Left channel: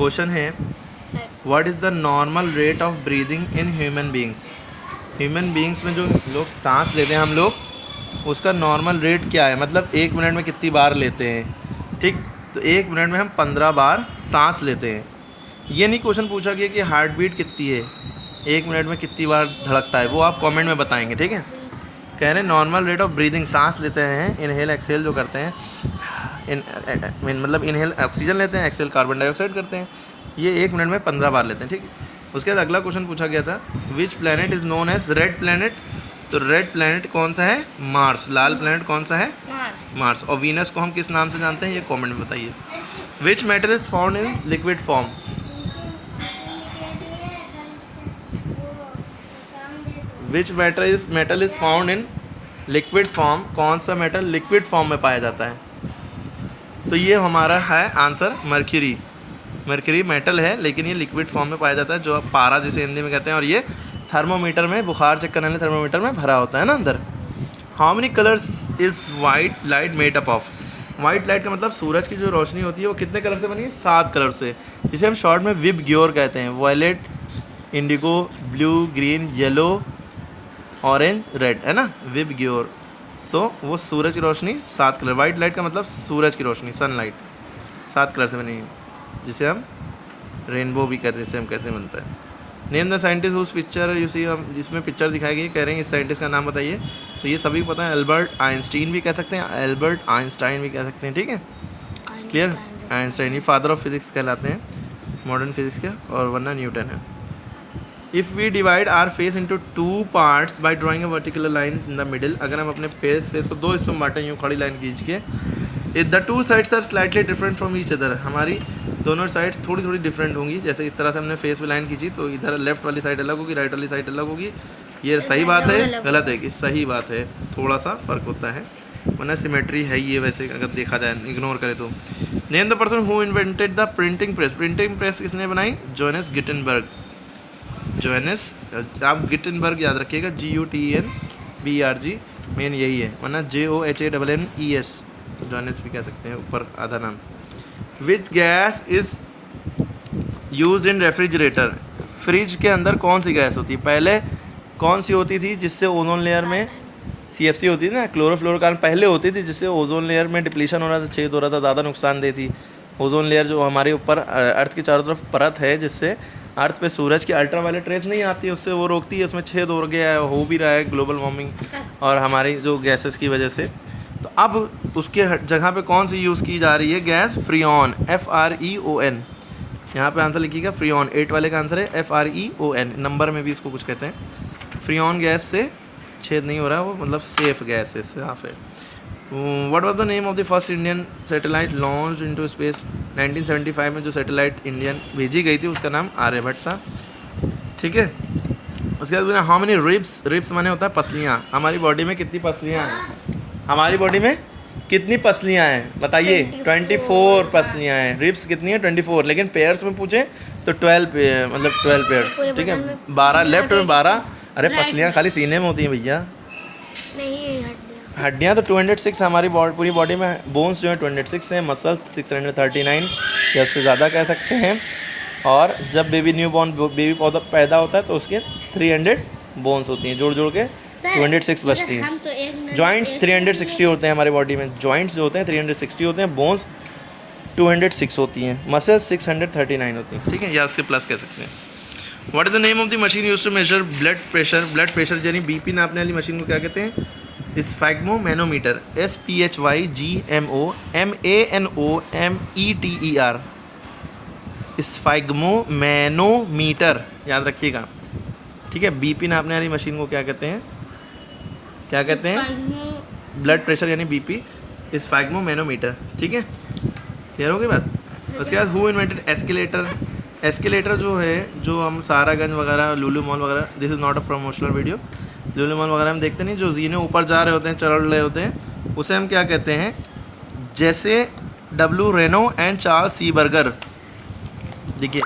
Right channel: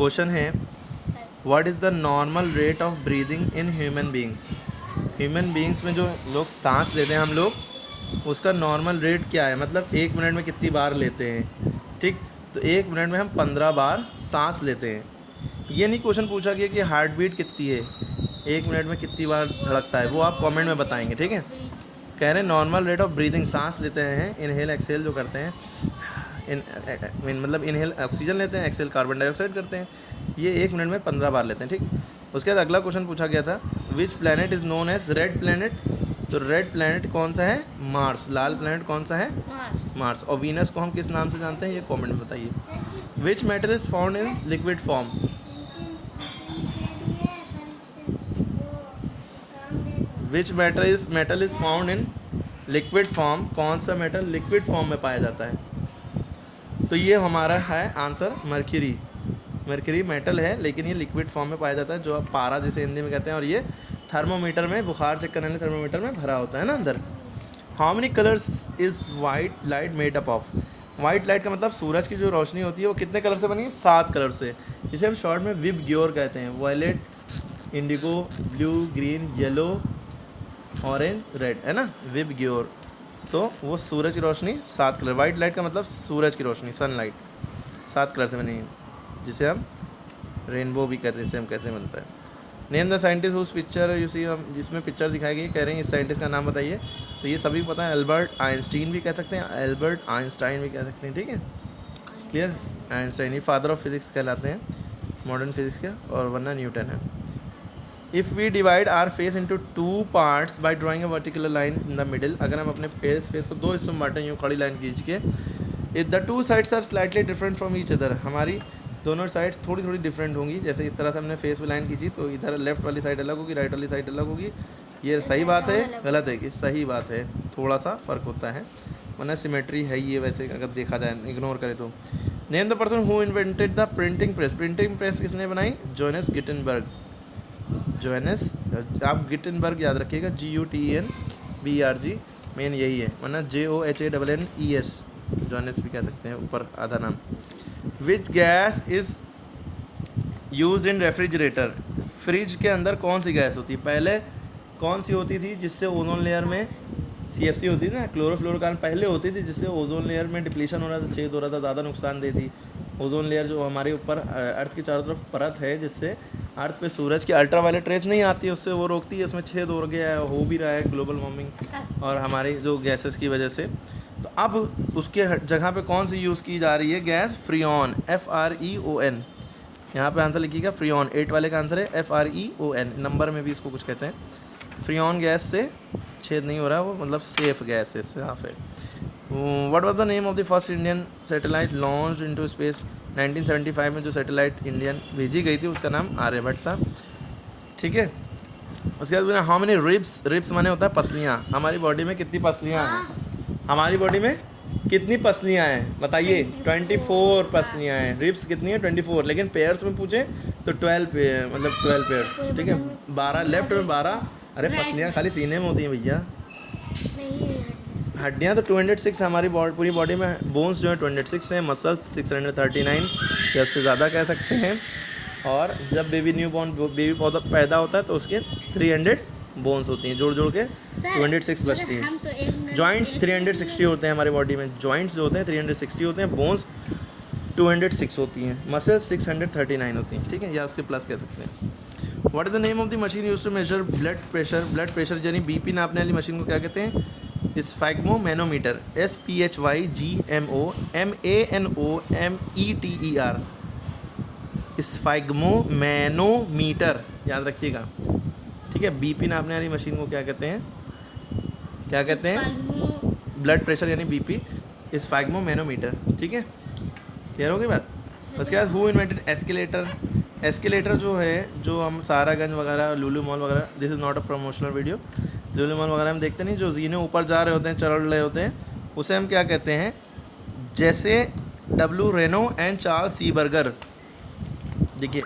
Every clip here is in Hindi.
क्वेश्चन है what is the normal rate of breathing in human beings. Human beings में जो लोग सांस लेते हैं हम लोग, उसका नॉर्मल रेट क्या है, मतलब 1 मिनट में कितनी बार लेते हैं। ठीक, तो 1 मिनट में हम 15 बार सांस लेते हैं। ये नहीं क्वेश्चन पूछा गया कि हार्ट बीट कितनी है, 1 मिनट में कितनी बार धड़कता है, वो आप कमेंट में बताएंगे। ठीक है, कह रहे हैं नॉर्मल रेट ऑफ ब्रीदिंग, सांस लेते हैं, इनहेल एक्सहेल जो करते हैं, मतलब इनहेल ऑक्सीजन लेते हैं, एक्सहेल कार्बन डाइऑक्साइड करते हैं, ये 1 मिनट में 15 बार लेते हैं। ठीक, उसके बाद अगला क्वेश्चन पूछा गया था which planet is known as red planet. तो रेड प्लैनेट कौन सा है, मार्स। लाल प्लैनेट कौन सा है, मार्स। और वीनस को हम किस नाम से जानते हैं, ये कमेंट में बताइए। Which metal is found in liquid form. Which metal is found in liquid form, कौन सा मेटल लिक्विड फॉर्म में पाया जाता है। तो ये हमारा है आंसर मर्क्यूरी। मर्क्यूरी मेटल है लेकिन ये लिक्विड फॉर्म में पाया जाता है, जो पारा जिसे हिंदी में कहते हैं, और ये थर्मोमीटर में, बुखार चेक करने वाले थर्मोमीटर में भरा होता है ना अंदर। How many colours is white light made up of. White light का मतलब सूरज की जो रोशनी होती है वो कितने कलर से बनी है, 7 कलर से। इसे हम शॉर्ट में विब ग्योर कहते हैं। Violet, indigo, blue, green, yellow, orange, red, है ना, विब ग्योर। तो वो सूरज की रोशनी 7 कलर। वाइट लाइट का मतलब सूरज की रोशनी, सनलाइट, 7 कलर से बनी है, जिसे हम रेनबो भी कहते हैं। जिसे हम कैसे बनता है। नेम द साइंटिस्ट उस पिक्चर यू सी, हम जिसमें पिक्चर दिखाई गई, कह रहे हैं इस साइंटिस्ट का नाम बताइए। तो ये सभी को पता है, एल्बर्ट आइंस्टीन भी कह सकते हैं, एल्बर्ट आइंस्टाइन भी कह सकते हैं। ठीक है, क्लियर। आइंस्टाइन ये फादर ऑफ फिजिक्स कहलाते हैं, मॉडर्न फिजिक्स के, और वरना न्यूटन है। If we divide our face into 2 parts by drawing a vertical line in the middle. अगर हम अपने फेस को 2 हिस्सों में बांटें, यूँ खड़ी लाइन खींच के, the 2 sides are slightly different from each other. हमारी दोनों साइड्स थोड़ी थोड़ी डिफरेंट होंगी। जैसे इस तरह से हमने फेस पे लाइन खींची तो इधर लेफ्ट वाली साइड अलग होगी, राइट वाली साइड अलग होगी। ये सही बात है, गलत है कि सही बात है, थोड़ा सा फ़र्क होता है, वरना सिमेट्री है ये वैसे अगर देखा जाए, इग्नोर करें तो। Name the person who invented the printing press. Printing press किसने बनाई, जोहानस गुटेनबर्ग। जोहानस, आप गुटेनबर्ग याद रखिएगा, GUTENBERG, मेन यही है, वरना JOHANNES, जोहानस भी कह सकते हैं, ऊपर आधा नाम। Which gas is use in refrigerator. Fridge के अंदर कौन सी गैस होती है, पहले कौन सी होती थी जिससे ओजोन लेयर में CFC होती थी ना, क्लोरोफ्लोरोकार्बन पहले होती थी, जिससे ओजोन लेयर में डिप्लीशन हो रहा था, छेद हो रहा था, ज़्यादा नुकसान देती। ओजोन लेयर जो हमारे ऊपर अर्थ की चारों तरफ परत है, जिससे अर्थ पे सूरज की अल्ट्रावायलेट रेस नहीं आती है, उससे वो रोकती है, उसमें छेद हो गया है, हो भी रहा है ग्लोबल वार्मिंग और हमारी जो गैसेस की वजह से। तो अब उसके जगह पे कौन सी यूज़ की जा रही है, गैस फ्रीऑन, FREON। यहाँ पे आंसर लिखिएगा फ्रीऑन, 8 वाले का आंसर है FREON। नंबर में भी इसको कुछ कहते हैं। फ्रीऑन गैस से छेद नहीं हो रहा है, वो मतलब सेफ गैस है, साफ है। What was the name of the first Indian satellite launch into space. 1975 में जो सैटेलाइट इंडियन भेजी गई थी उसका नाम आर्यभट्ट था। ठीक है, उसके बाद हाउ मेनी रिब्स। रिब्स माने होता है पसलियाँ। हमारी बॉडी में कितनी पसलियाँ हैं, हमारी बॉडी में कितनी पसलियाँ हैं बताइए, 24 पसलियाँ हैं। रिब्स कितनी है, 24, लेकिन पेयर्स में पूछें तो 12 पेयर्स। ठीक है, 12 लेफ्ट में 12। अरे पसलियाँ खाली सीने में होती हैं भैया, हड्डियाँ तो 206 हमारी पूरी बॉडी में। बोन्स जो है 206 हैं, मसल्स 639 या उससे ज़्यादा कह सकते हैं। और जब बेबी पौधा पैदा होता है तो उसके 300 बोन्स होती हैं, जोड़ के 206 बचती हैं। जॉइंट्स 360 होते हैं हमारी बॉडी में, जॉइंट्स जो होते हैं 360 होते हैं, बोन्स 206 होती हैं, मसल्स 639 होती हैं। ठीक है, या उससे प्लस कह सकते हैं। What is the name of the machine use to measure blood pressure. Blood pressure यानी BP नापने वाली मशीन को क्या कहते हैं, स्फैग्मोमैनोमीटर, SPHYGMOMANOMETER, स्फैग्मोमैनोमीटर, याद रखिएगा। ठीक है, BP नापने वाली मशीन को क्या कहते हैं, क्या कहते हैं, ब्लड प्रेशर यानी BP, स्फैग्मोमैनोमीटर। ठीक है, क्लियर हो गई बात। उसके बाद हु इन्वेंटेड एस्केलेटर। एस्केलेटर जो है, जो हम सहारागंज वगैरह, लुलु मॉल वगैरह, this is not a promotional video, Lulu mall वगैरह हम देखते नहीं, जो जीने ऊपर जा रहे होते हैं, चढ़ रहे होते हैं, उसे हम क्या कहते हैं, जैसे W Reno and Charles Seeberger. देखिए,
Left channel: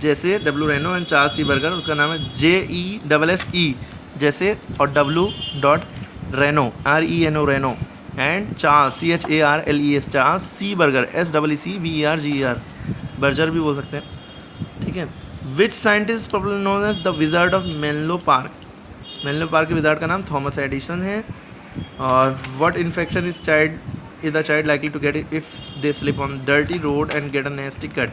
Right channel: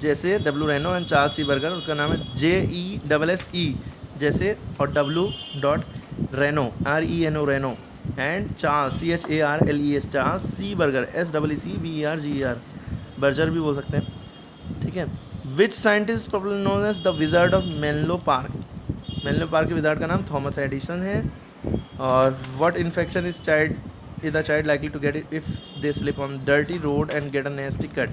जैसे W Reno and Charles Seeberger, उसका नाम है JESSE जैसे, और W Reno RENO Reno, and Charles CHARLES Charles, Seeberger SEECBERGER, Berger भी बोल सकते हैं। ठीक है। Which scientist popular known as the wizard of Menlo Park? Menlo Park के विजार्ड का नाम थॉमस एडिसन है। और what infection is the child likely to get if they slip on dirty road and get a नेस्टी cut?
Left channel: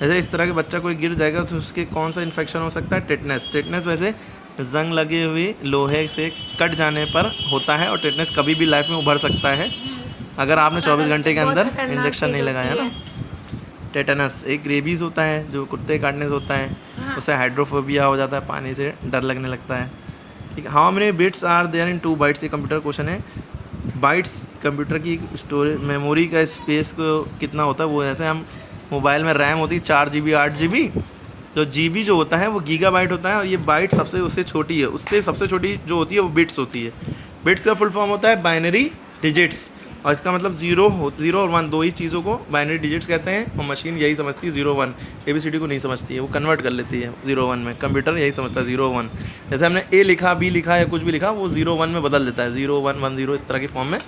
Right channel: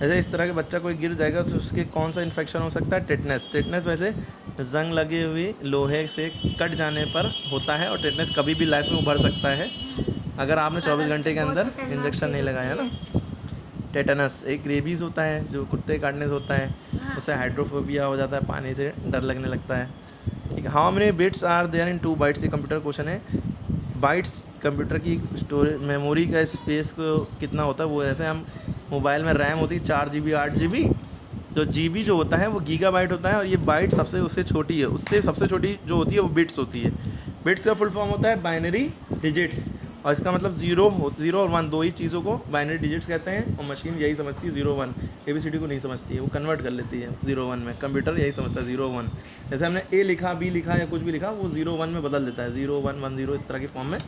जैसे इस तरह के बच्चा कोई गिर जाएगा तो उसके कौन सा इन्फेक्शन हो सकता है? टेटनस। टेटनस वैसे जंग लगे हुए लोहे से कट जाने पर होता है और टेटनस कभी भी लाइफ में उभर सकता है अगर आपने 24 घंटे के अंदर इंजेक्शन नहीं लगाया ना। टेटनस एक रेबीज़ होता है जो कुत्ते काटने से होता है, उससे हाइड्रोफोबिया हो जाता है, पानी से डर लगने लगता है। ठीक है। How many bits are there in 2 bytes? ये कंप्यूटर क्वेश्चन है। बाइट्स कंप्यूटर की स्टोरेज मेमोरी का स्पेस को कितना होता है? वो जैसे हम मोबाइल में रैम होती है 4 GB 8 GB, तो GB जो होता है वो गीगाबाइट होता है और ये बाइट सबसे उससे छोटी है, उससे सबसे छोटी जो होती है वो बिट्स होती है। बिट्स का फुल फॉर्म होता है बाइनरी डिजिट्स, और इसका मतलब ज़ीरो और 1 दो ही चीज़ों को बाइनरी डिजिट्स कहते हैं। और मशीन यही समझती है 0 1, ABCD को नहीं समझती है, वो कन्वर्ट कर लेती है 0 1 में। कंप्यूटर यही समझता है 0 1, जैसे हमने A लिखा, B लिखा या कुछ भी लिखा वो 0 1 में बदल देता है, 0 1 1 0 इस तरह की फॉर्म में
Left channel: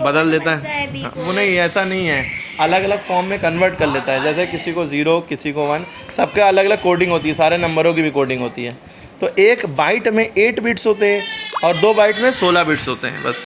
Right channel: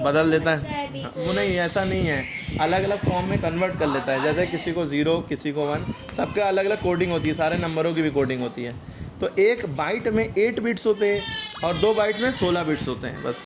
बदल देता है। वो नहीं, ऐसा नहीं है, अलग अलग फॉर्म में कन्वर्ट कर लेता है। जैसे किसी को 0 किसी को 1, सबका अलग अलग कोडिंग होती है, सारे नंबरों की भी कोडिंग होती है। तो एक बाइट में 8 बिट्स होते हैं और 2 बाइट में 16 बिट्स होते हैं बस।